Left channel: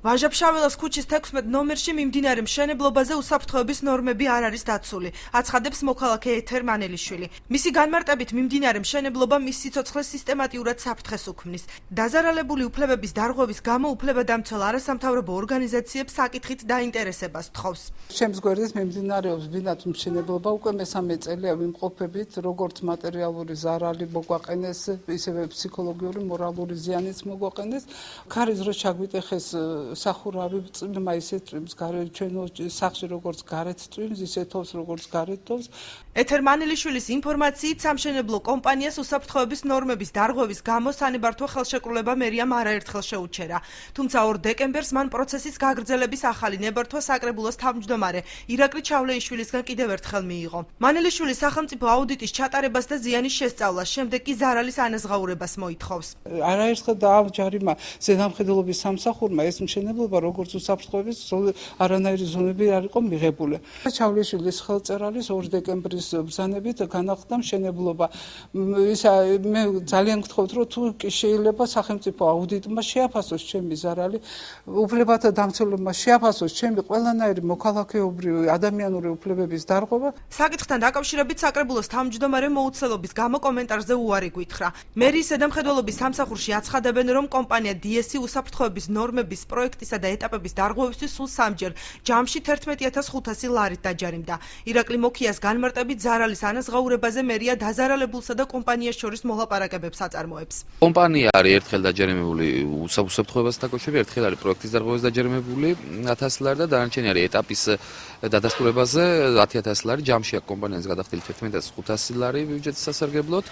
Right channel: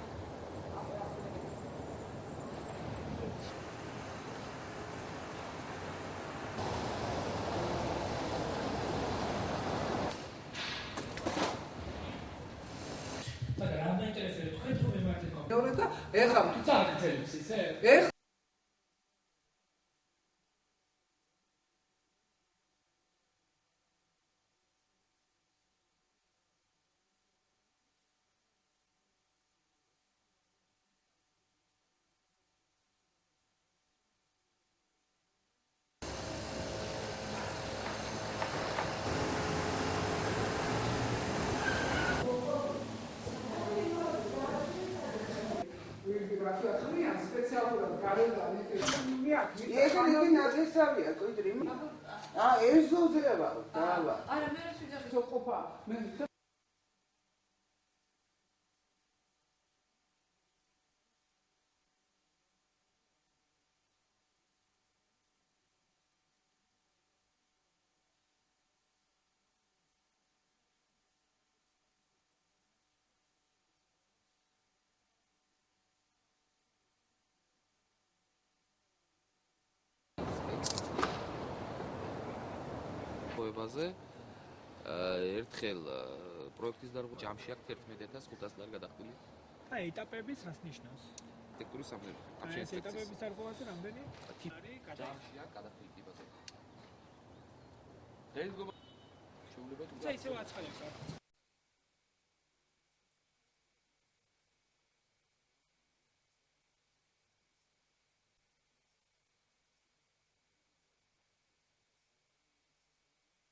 ვაჟა-ფშაველას ქუჩის 16 ნომერში მიმდინარე მშენებლობაზე უსაფრთხოების ნორმები არ არის დაცული, აცხადებს მოქალაქე ეთერ მანელიშვილი. მისი განმარტებით მიმდინარე მშენებლობა მის სიცოცხლეს სისტემატიურად საფრთხეს უქმნის. დაზარალებული უფლებების დარღვევის გამო უფლებადამცველ არასამთავრობო ორგანიზაციებს საკითხით დაინტერესებას თხოვს. ჩემს გვერდით მიმდინარეობს ბინათ მშენებლობა უკვე მესამე წელია ვიმყოფებით, როგორც მატერიალური ზარალი მოგვაყენეს, ისევე ფსიქოლოგიური, მორალური ზიანიც მოგვაყენეს. ქარის დრო ჩაგვიტეხეს სახურავი წვიმა ისე წვიმს ჩვენო სახლში როგორც გარეთ წვიმს ისე თოვს როგორც გარეთ თოვს. ეთერ მანელიშვილის ინფორმაციით სამშენებლო კომპანიას უსაფრთხოების ნორმების დარღვევის გამო სანებართვო ხელშეკრულება მერიამ არაერთხელ შეუჩერა. თუმცა 2 დეკემბერს მან პროცესის გაგრძელების ახალი ნებართვა საკრებულოს თავმჯდომარე ირაკლი ჩავლეიშვილისგან კიდევ ერთხელ მიიღო. მანელიშვილი სახელმწიფო აუდიტის ჩატარებას და ზიანის შესწავლას, შემდეგ კი ზარალის ანაზღაურებას მოითხოვს. არაერთხელ დააჯარიმა ზედამხედველობის სამსახურმა ეს მშენებლობა როგორც უსაფრთხოების არანაირი ზონები არ იყო მიღებული. ჩავლეიშვილის ხელწერალის 2 დეკემბრის ბრძანებით განახლდა მშენებლობა. მე ძალიან გთხოვთ, რომ თუ შეიძლება სახელმწიფო აუდიტმა შეაფასოს ჩემი ზარალი, უფლებათა დამცველებმა შეაფასოს ჩემი ყველანაირი მოქალაქეობრივი ადამიანური უფლებების დარღვევა. საკითხთან დაკავშირებით საკრებულოს თავმჯდომარე მოუცელობის გამო კომენტარზე უარი გვითხრა. მერიის ზედამხედველობის სამსახურში აცხადებენ, რომ კომპანია DS უსაფრთხოების ნორმების პროექტისა და ეტაპების დარღვევისთვის სულ 3ჯერ ჯამში 11500 ლარით დაჯარიმდა. ირაკლი მოქიას განმარტებით ზარალის ანაზღაურებაზე მერია დაზარალებულსა და კომპანიას შორის მოლაპარაკებებს აწარმოებს. კომპანია არის ერთხელ დაჯერიმებული უსაფრთხოებასთან დაკავშირებით, ერთხელ არის პროექტის დარღვევას დაჯერიმებული 1000 ლარი და დანარჩენი არის ეტაპის დადასტურებაზე 10000 ლარი. ჯამში აქ კომპანიას გადახდილი 11500 ლარი ბიუჯეტის სასარგებლოდ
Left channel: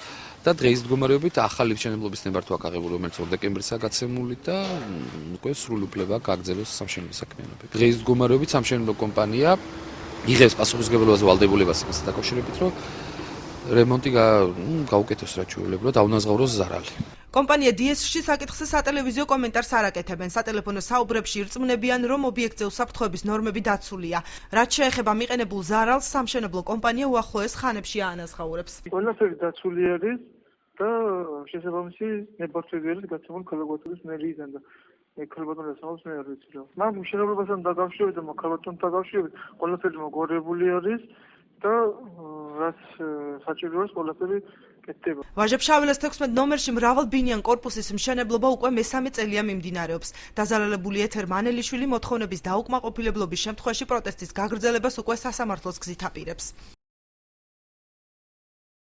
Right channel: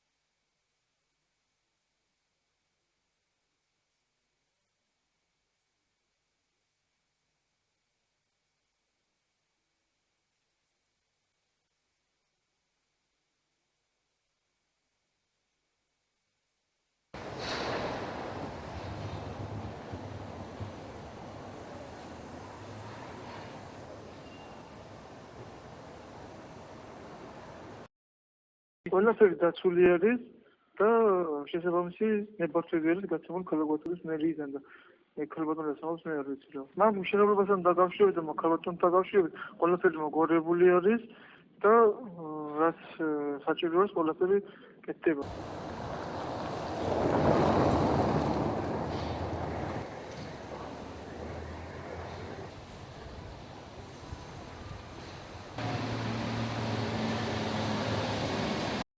და დღეის მდგომარეობით ახალი მშენებლობის ნებართვა აქვს აღებული, რომელიც 2 დეკემბრისაა გაცემული და უკვე სრული უფლება გააგრძელოს სამშენებლო საქმიანობები. დღეის მდგომარეობით სამშენებლო კომპანია იღებს პასუხისმგებლობას ვალდებულებას იმასთან დაკავშირებით, რომ რემონტი გაუკეთოს რაჩვეულებრივად, აუნაზღაუროს ზარალი. კომპანია DS-ში საკითხზე სატელევიზიო კომენტარს არ აკეთებენ. სატელეფონო საუბრებში ირწმუნებიან, რომ ობიექტზე უსაფრთხოების ნორმები დაცულია. რაც შეეხება მიყენებულ ზარალს, სამშენებლო კომპანია უახლოეს ხანებში აანაზღაურებს. ყველაფერი დაცული არის და შესაბამისი ნებართვები არის გაცემული ქალაქის მერიიდან და ქალბატონი ասავს მე არ ვიცი რა. მაგრამ მშენებლობასთან დაკავშირებით და ქალბატონთან დაკავშირებით ყველაფერი მოგვარებული არის და რაც საჭიროა ყველაფერი კეთდება. ვაჟა-ფშაველას 16 ნომერში მრავალბინიან კორპუსის მშენებლობა უკვე მესამე წელია მიმდინარეობს. დაზარალებული ეთერ მანელიშვილი მოთხოვნების დაუკმაყოფილებლობის შემთხვევაში პროტესტის გაგრძელებას უკვე სასამართლოს გზით აპირებს.